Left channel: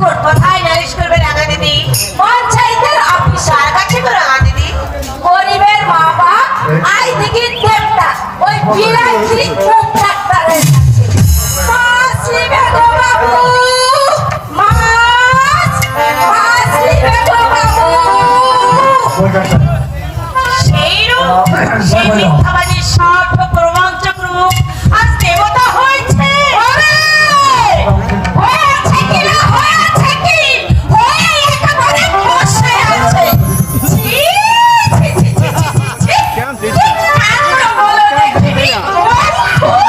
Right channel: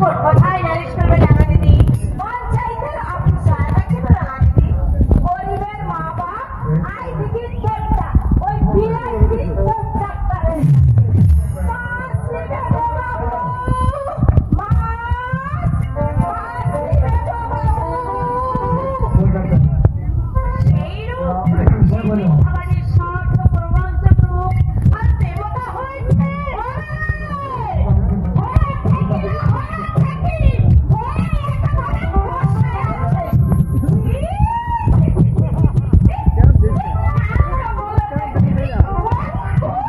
Court কোথায় নালিশ করবে রাঙা দিদি। পঞ্চায়েতের অফিস সার কাছে তো রাঙা দিদি। গরিবের মা বাপ আই দিকে দেবতা। ওই বিরাট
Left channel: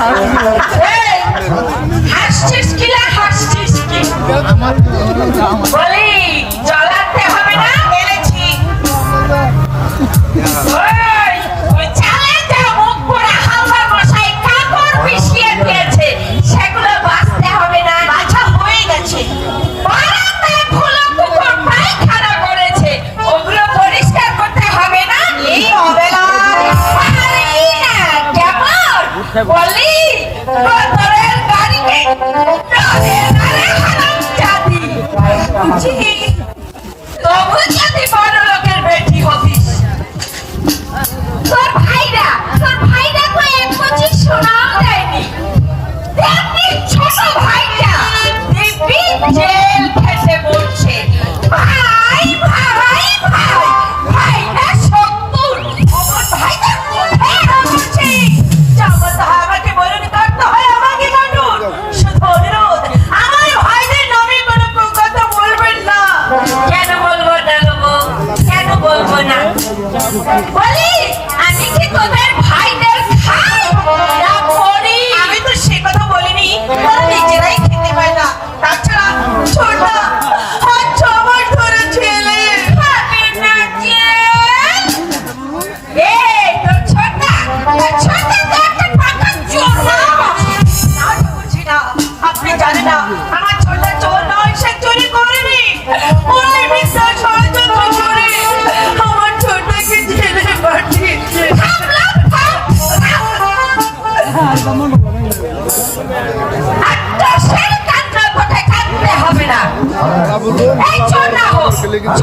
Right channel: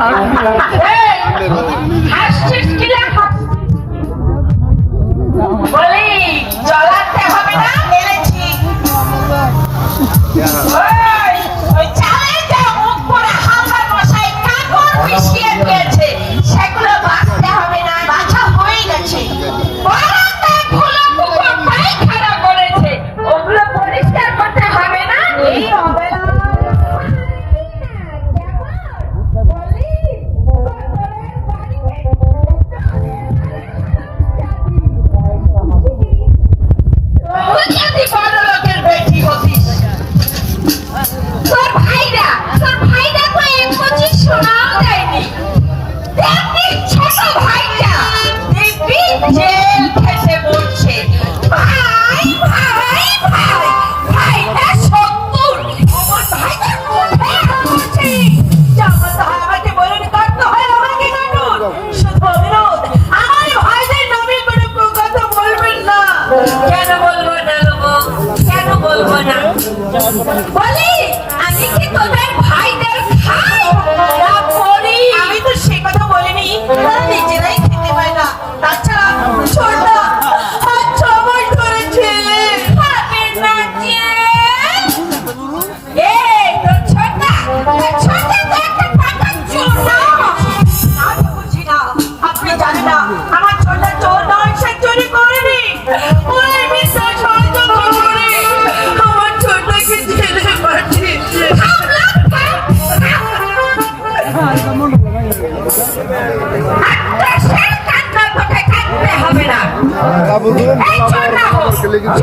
好。了好 Olha খেলা বন্ধু খেলা বল খেলে কিন্তু